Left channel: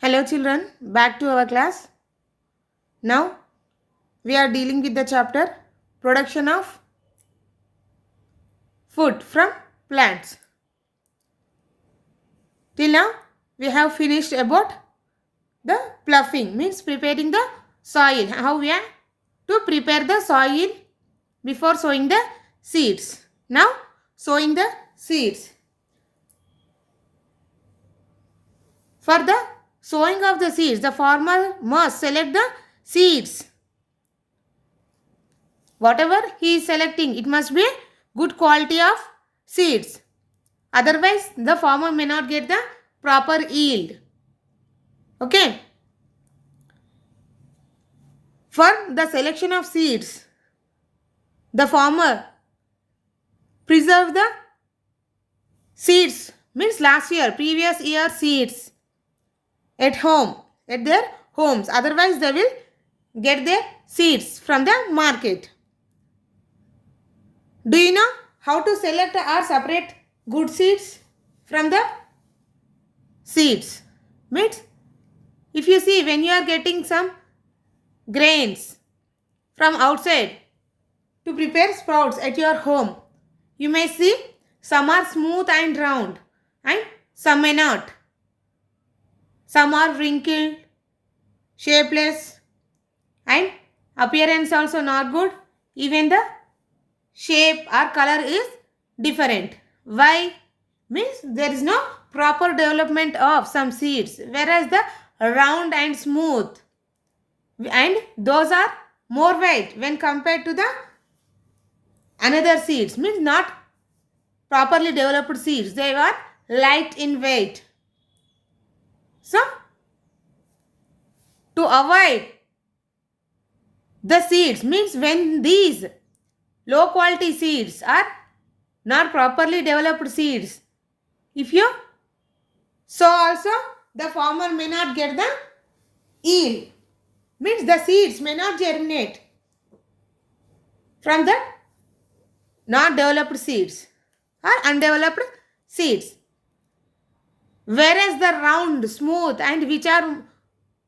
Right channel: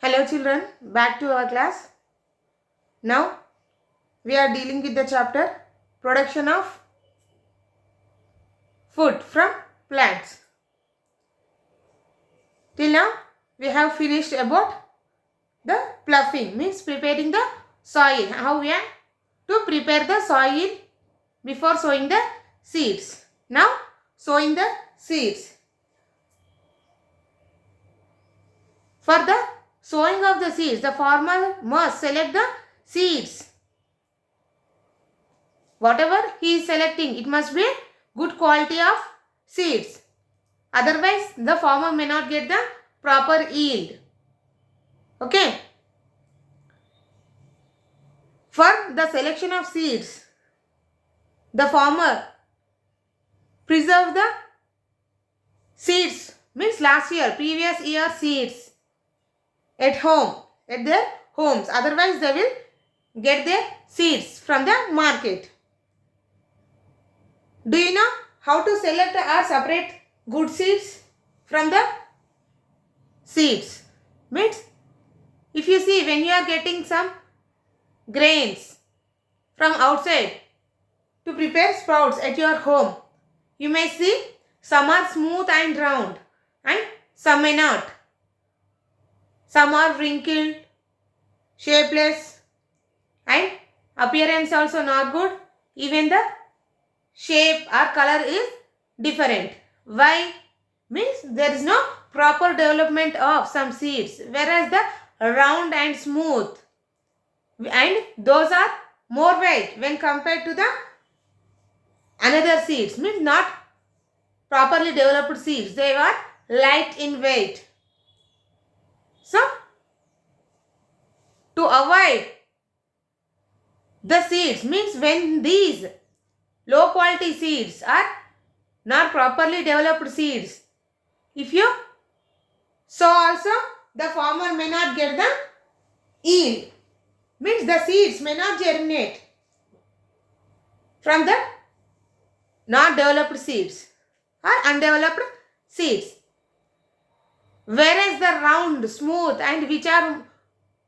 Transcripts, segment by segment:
Hello children, back to our class. Now we are dealing with the chapter production of food from plants. Till now we have finished about the ploughing, means preparing the soil. How we are to prepare the soil before sowing the seeds. Now sowing the seeds. For the sowing of the seeds, the farmer must select the seeds. Whatever he is selecting, it must be good quality of seeds. Otherwise, the farmer may not get the proper yield. Okay. For the selection of seeds, the farmer preserve the seeds, means previous year seeds at home, at their homes. Otherwise, they will get their seeds from the market. Do you know how to select or separate good seeds from the seeds? Means if you see, when you are getting some grains from outside to prepare sprouts at your home, you may see some are smooth and round and some may not. Some are wrinkled, shapeless, and appearance also not good. Even the shape or color is different. Why? Means there is no proper development of some seeds, whereas the round and smooth and those are more weight when compared to the another seeds, means not properly developed seeds. They are light in weight. So to avoid the seeds, means when these low quality seeds are not properly developed seeds, if you sow also, the farmer may not get the yield, means the seeds may not germinate from the not developed seeds or undeveloped seeds. Whereas the round, smooth and which are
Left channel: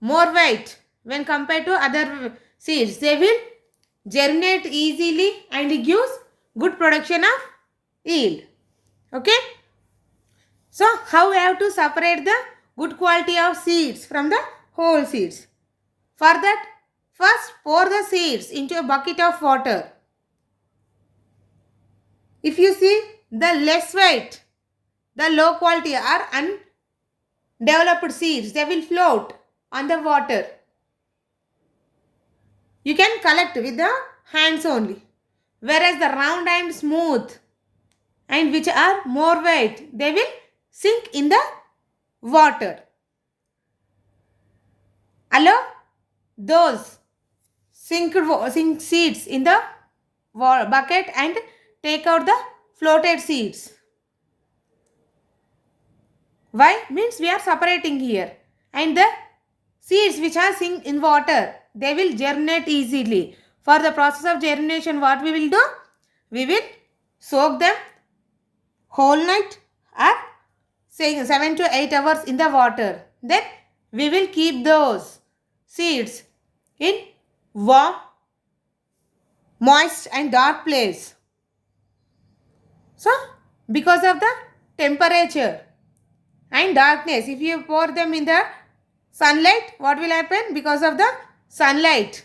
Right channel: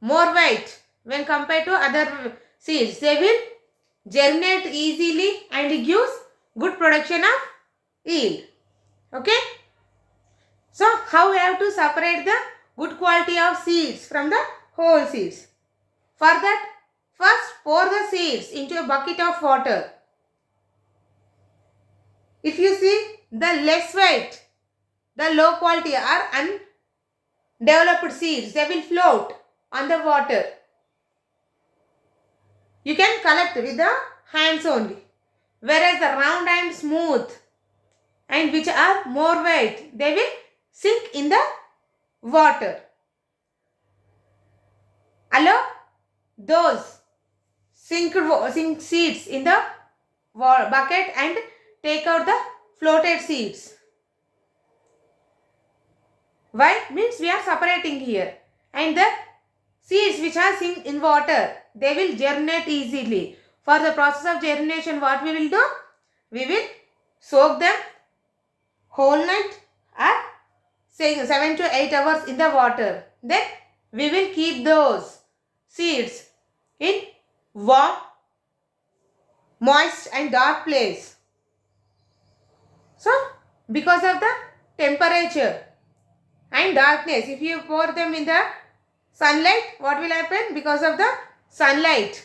more white when compared to other seeds, they will germinate easily and gives good production of yield. Okay. So how we have to separate the good quality of seeds from the whole seeds? For that, first pour the seeds into a bucket of water. If you see the less weight, the low quality or undeveloped seeds, they will float on the water. You can collect with the hands only. Whereas the round and smooth and which are more weight, they will sink in the water. Allow those sink seeds in the bucket and take out the floated seeds. Why? Means we are separating here. And the seeds which are sink in water, they will germinate easily. For the process of germination, what we will do? We will soak them whole night or say 7 to 8 hours in the water. Then we will keep those seeds in warm, moist and dark place. So because of the temperature and darkness, if you pour them in the sunlight, what will happen? Because of the sunlight,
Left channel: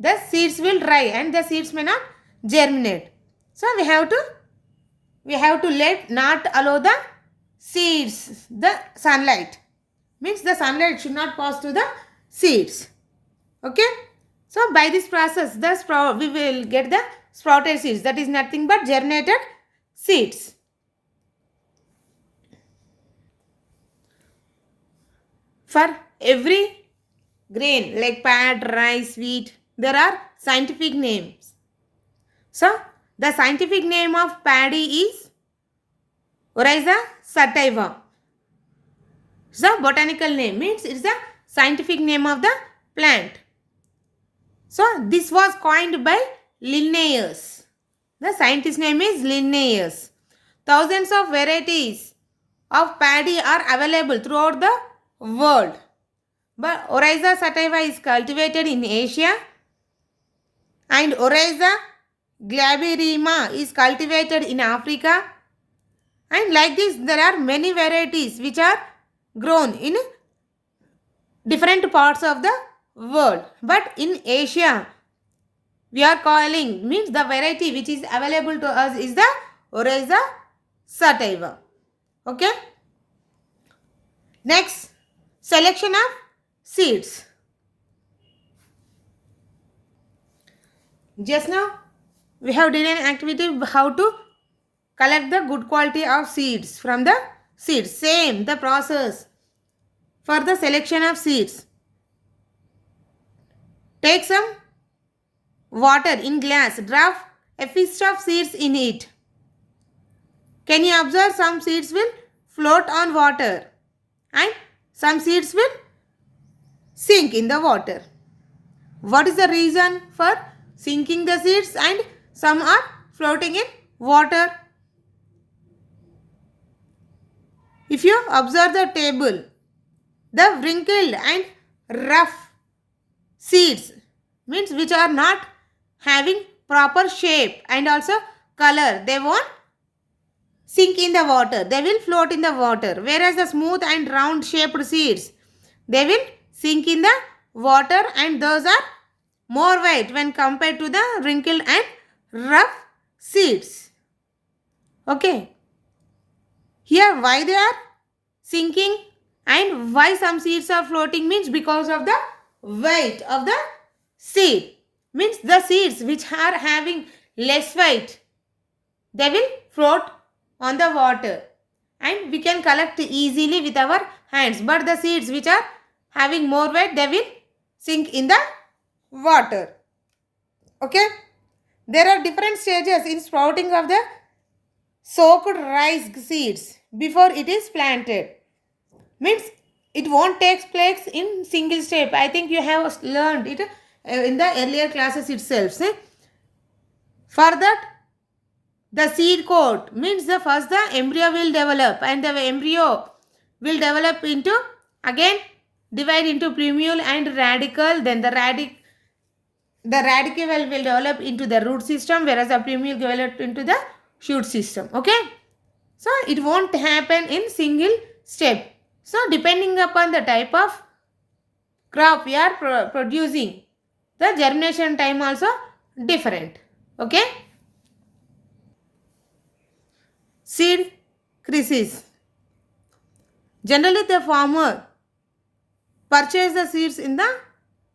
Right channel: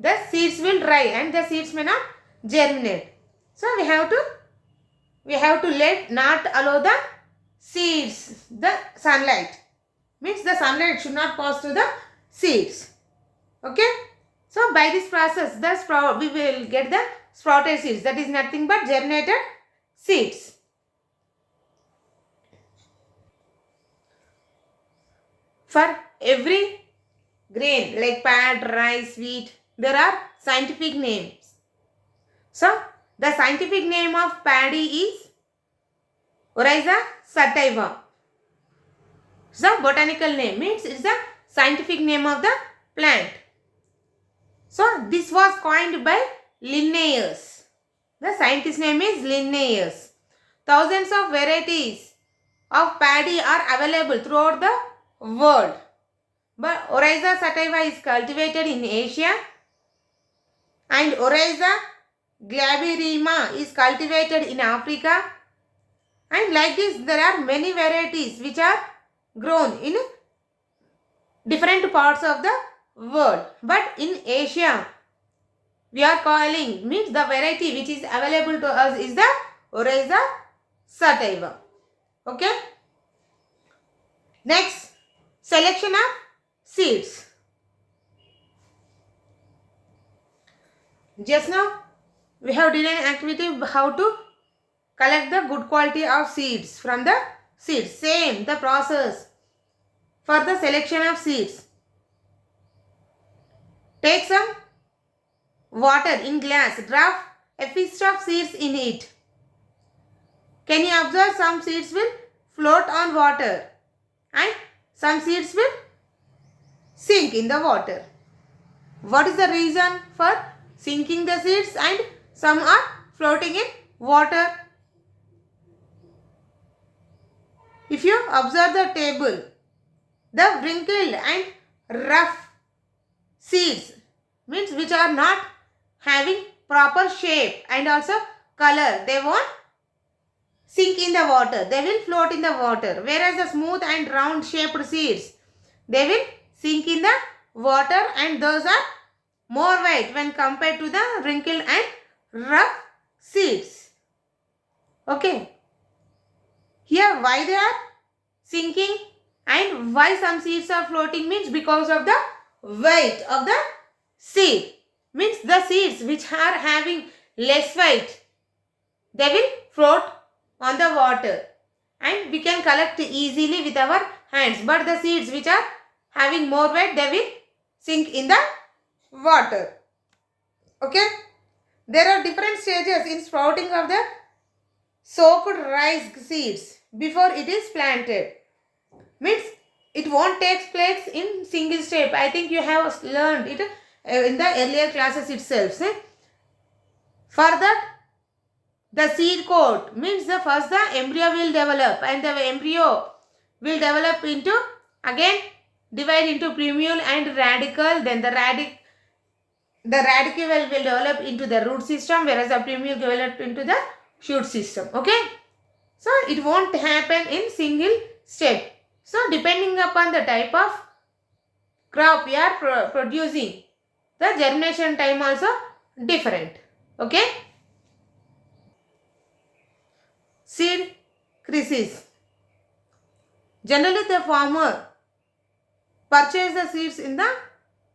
the seeds will dry and the seeds may not germinate. So we have to not allow the seeds, the sunlight. Means the sunlight should not pass to the seeds. Okay. So by this process, we will get the sprouted seeds. That is nothing but germinated seeds. For every grain like pad, rice, wheat, there are scientific names. So the scientific name of paddy is Oryza sativa. So botanical name, means it's the scientific name of the plant. So this was coined by Linnaeus. The scientist name is Linnaeus. Thousands of varieties of paddy are available throughout the world. But Oryza sativa is cultivated in Asia, and Oryza glaberrima is cultivated in Africa. And like this, there are many varieties which are grown in different parts of the world. But in Asia, we are calling, means the variety which is available to us is the Oryza sativa. Okay. Next, selection of seeds. Just now, we have done an activity how to collect the good quality of seeds from the seeds. Same, the process for the selection of seeds. Take some water in glass. Drop a fist of seeds in it. Can you observe some seeds will float on water and some seeds will sink in the water. What is the reason for sinking the seeds and some are floating in water? If you observe the table, the wrinkled and rough seeds, means which are not having proper shape and also color, they won't sink in the water, they will float in the water. Whereas the smooth and round shaped seeds, they will sink in the water and those are more white when compared to the wrinkled and rough seeds. Okay. Here why they are sinking and why some seeds are floating means because of the weight of the seed. Means the seeds which are having less weight, they will float on the water and we can collect easily with our hands. But the seeds which are having more weight, they will sink in the water. Okay. There are different stages in sprouting of the soaked rice seeds before it is planted. Means it won't take place in single step. I think you have learned it in the earlier classes itself. See? For that, the seed coat means the first the embryo will develop and the embryo will develop into, again divide into plumule and radicle. Then the radicle will develop into the root system, whereas the plumule develop into the shoot system. Okay. So it won't happen in single step. So depending upon the type of crop we are producing, the germination time also different. Okay. Seed crisis. Generally the farmer purchase the seeds in the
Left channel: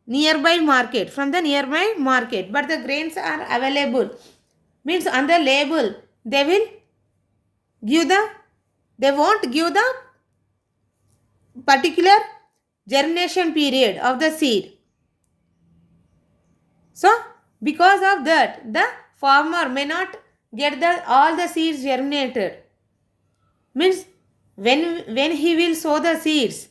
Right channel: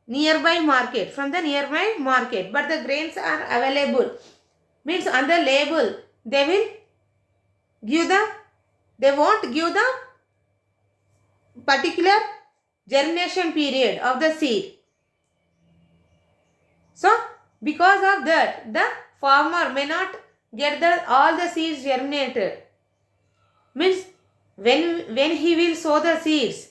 nearby market, from the nearby market, but the grains are available. Means on the label they will give they won't give the particular germination period of the seed. So because of that, the farmer may not get all the seeds germinated. Means when he will sow the seeds,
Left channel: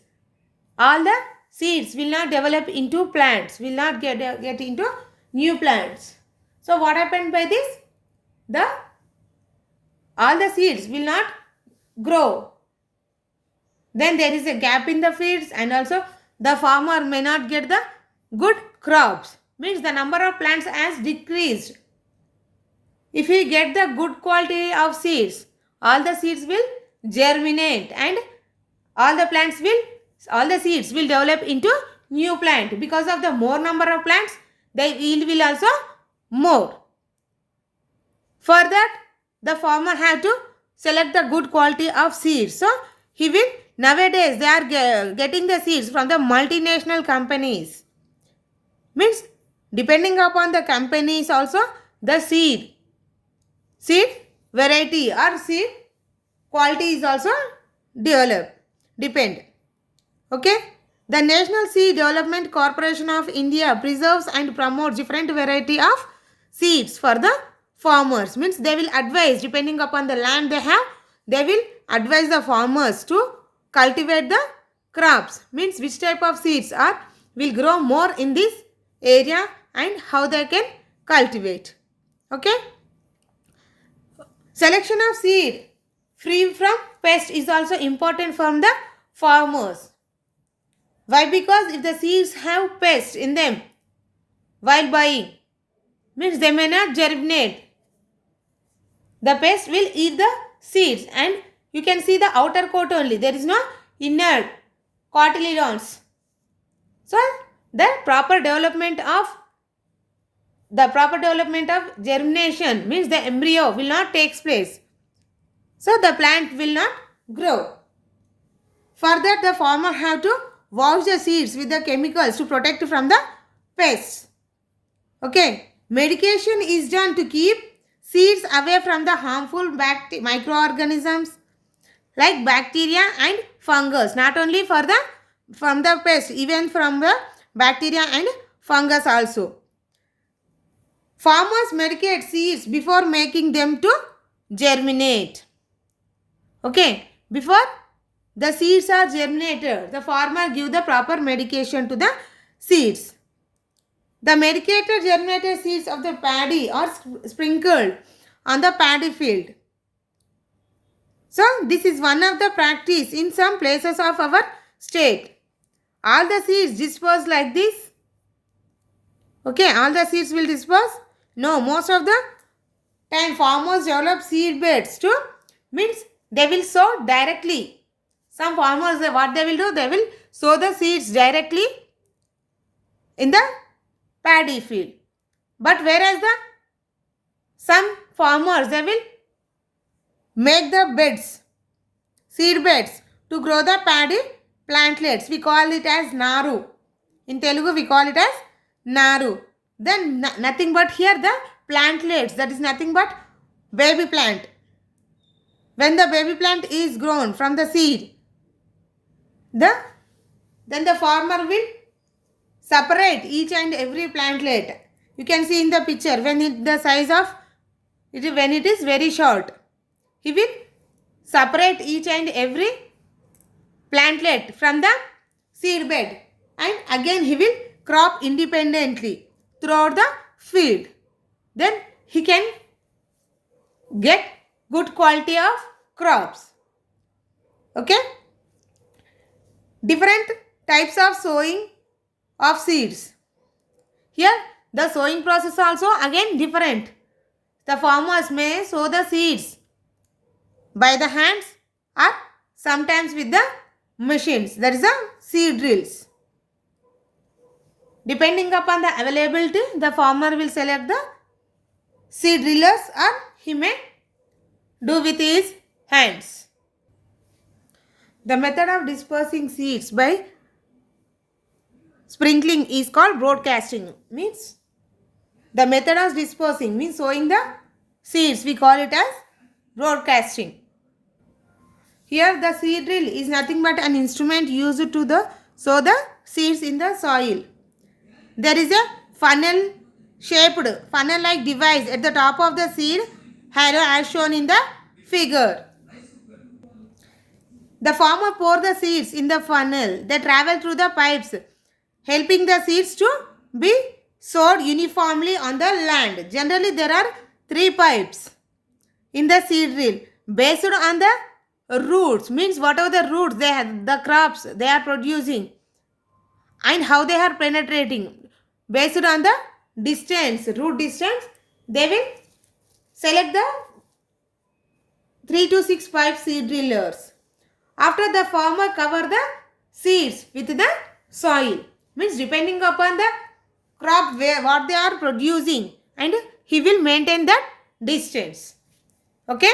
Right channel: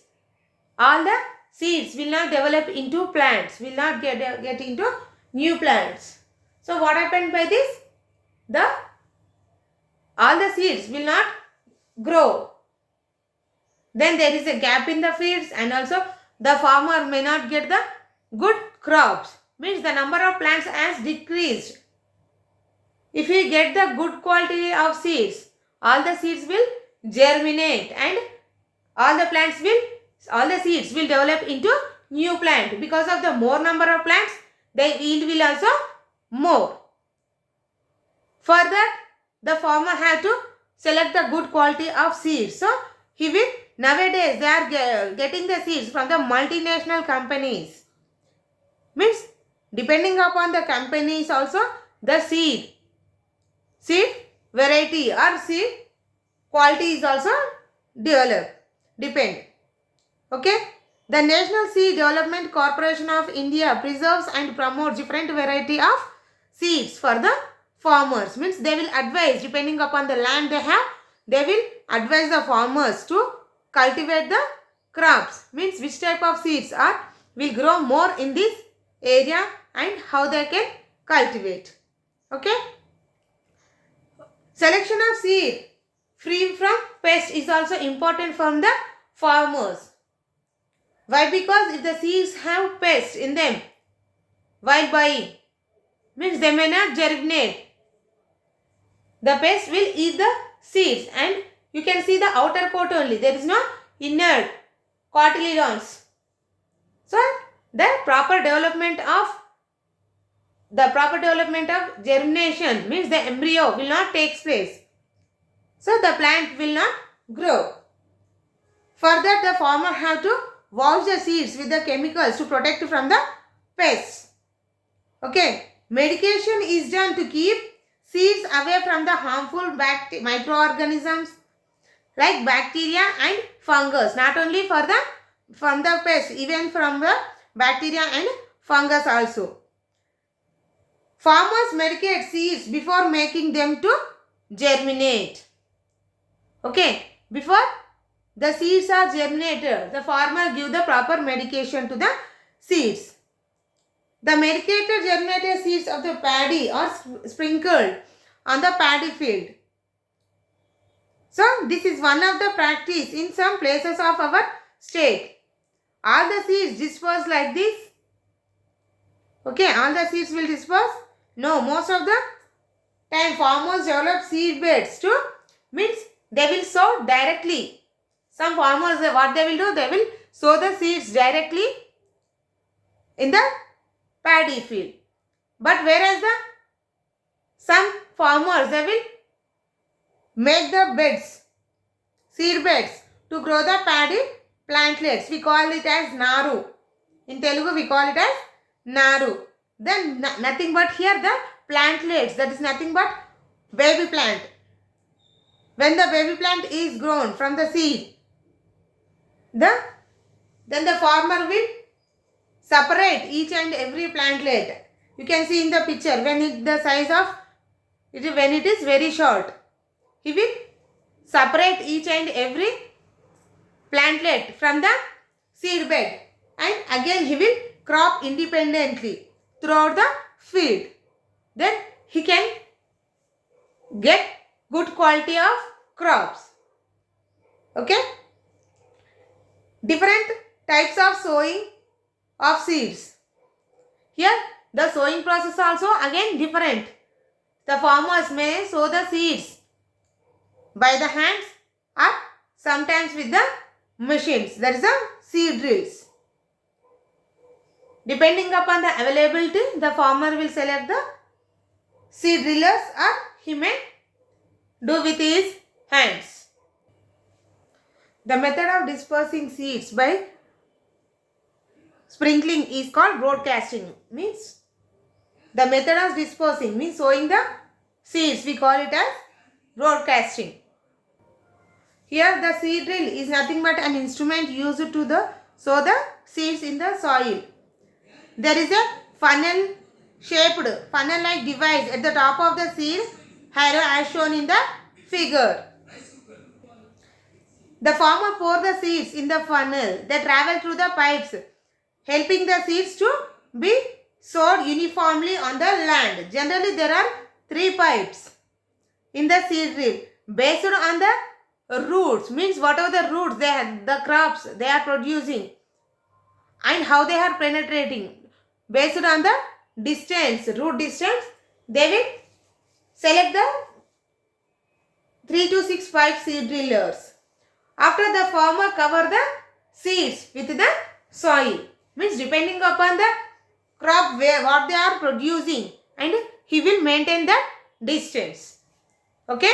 all the seeds will not develop into plants, will not get into new plants. So what happened by this? All the seeds will not grow. Then there is a gap in the fields and also the farmer may not get the good crops. Means the number of plants has decreased. If you get the good quality of seeds, all the seeds will germinate and all the seeds will develop into new plant. Because of the more number of plants, the yield will also more. For that, the farmer have to select the good quality of seeds. So he will, nowadays they are getting the seeds from the multinational companies. Means depending upon the companies also, the seed variety or seed quality is also depend. Okay. The National Seed Development Corporation of India preserves and promotes different variety of seeds for the farmers. Means they will advise, depending upon the land they have, they will advise the farmers to cultivate the crops. Means which type of seeds will grow more in this area and how they can cultivate. Okay. Selection of seed free from pest is also important from the farmers. Why? Because if the seeds have pests in them while buying, means they may not germinate. The pest will eat the seeds and you can see the outer coat only. There is no inner cotyledons. So the proper development of germination means the embryo will not take place. So the plant will not grow. For that, the farmer have to wash the seeds with the chemicals to protect from the pests. Okay. Medication is done to keep seeds away from the harmful microorganisms like bacteria and fungus. Not only from the pest, even from the bacteria and fungus also. Farmers medicate seeds before making them to germinate. Okay. Before the seeds are germinated, the farmer give the proper medication to the seeds. The medicated germinated seeds of the paddy are sprinkled on the paddy field. So, this is one of the practice in some places of our state. All the seeds disperse like this. Okay, all the seeds will disperse? No, most of the time farmers develop seed beds to means they will sow directly. Some farmers, what they will do, they will sow the seeds directly in the paddy field. But whereas some farmers, they will make the beds, seed beds to grow the paddy plantlets. We call it as naru. In Telugu, we call it as naru. Then nothing but here the plantlets, that is nothing but baby plant. When the baby plant is grown from the seed, then the farmer will separate each and every plantlet. You can see in the picture when it is very short, he will separate each and every plantlet from the seed bed and again he will crop independently throughout the field. Then he can get good quality of crops. Okay. Different types of sowing of seeds. Here the sowing process also again different. The farmers may sow the seeds by the hands or sometimes with the machines. That is the seed drills. Depending upon the availability, the farmer will select the seed drillers or he may do with his hands. The method of dispersing seeds by sprinkling is called broadcasting. Means the method of dispersing means sowing the seeds. We call it as broadcasting. Here the seed drill is nothing but an instrument used to sow the seeds in the soil. There is a funnel-like device at the top of the seed harrow as shown in the figure. The farmer pours the seeds in the funnel. They travel through the pipes, helping the seeds to be sowed uniformly on the land. Generally, there are 3 pipes in the seed drill based on the roots, means whatever the roots they have, the crops they are producing and how they are penetrating. Based on the distance, root distance, they will select the 3 to 6 pipe seed drillers. After the farmer cover the seeds with the soil, means depending upon the crop what they are producing and he will maintain that distance. Okay.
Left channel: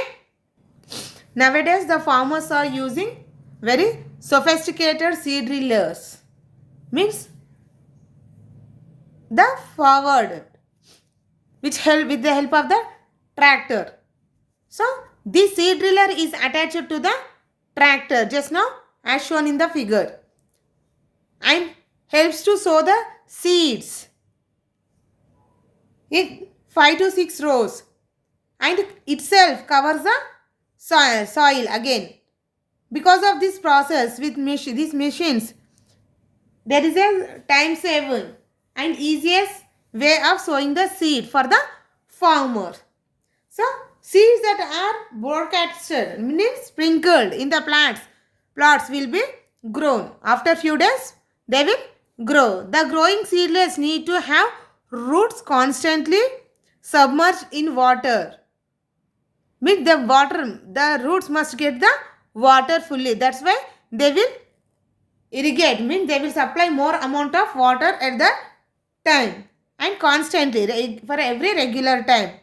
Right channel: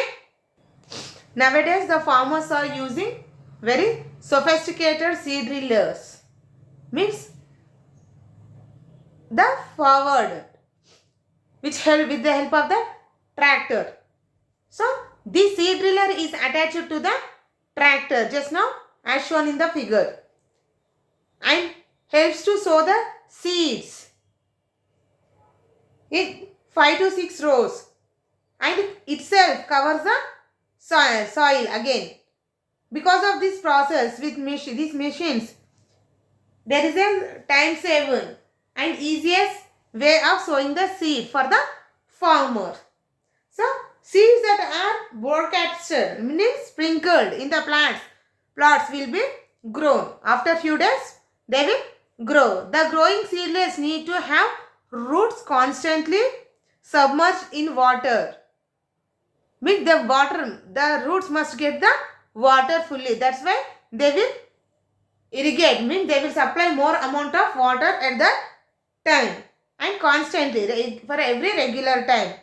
Nowadays the farmers are using very sophisticated seed drillers. Means the forward which help with the help of the tractor. So this seed driller is attached to the tractor just now as shown in the figure and helps to sow the seeds in 5 to 6 rows and itself covers the soil again. Because of this process with these machines, there is a time saving and easiest way of sowing the seed for the farmer. So seeds that are broadcasted, meaning sprinkled in the plots will be grown. After few days, they will grow. The growing seedlings need to have roots constantly submerged in water. Means the roots must get the water fully. That's why they will irrigate. Means they will supply more amount of water at the time and constantly for every regular time.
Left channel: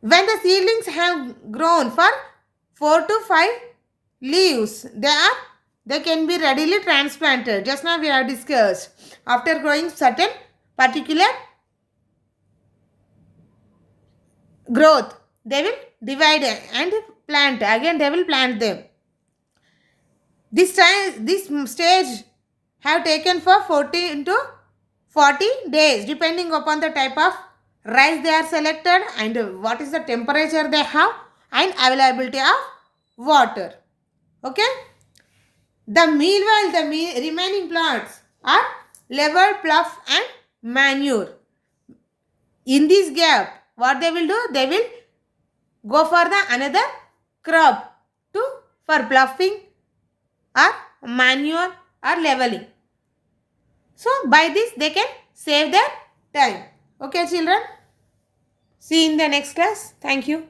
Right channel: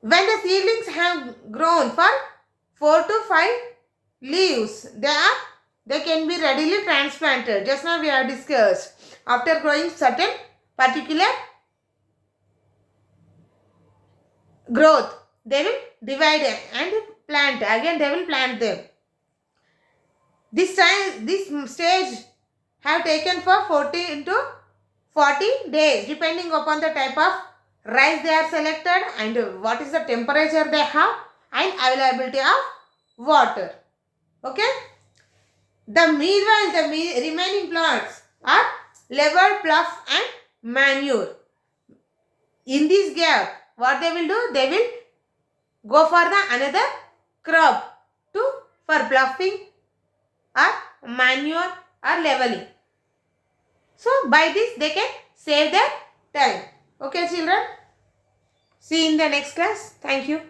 When the seedlings have grown for 4 to 5 leaves, they can be readily transplanted. Just now we have discussed. After growing certain particular growth, they will divide and plant. Again they will plant them. This stage have taken for 14 to 40 days depending upon the type of rice they are selected and what is the temperature they have and availability of water. Okay. Meanwhile, the remaining plots are level, plough and manure. In this gap, what they will do? They will go for the another crop for ploughing or manure or leveling. So, by this they can save their time. Okay, children? See you in the next class. Thank you.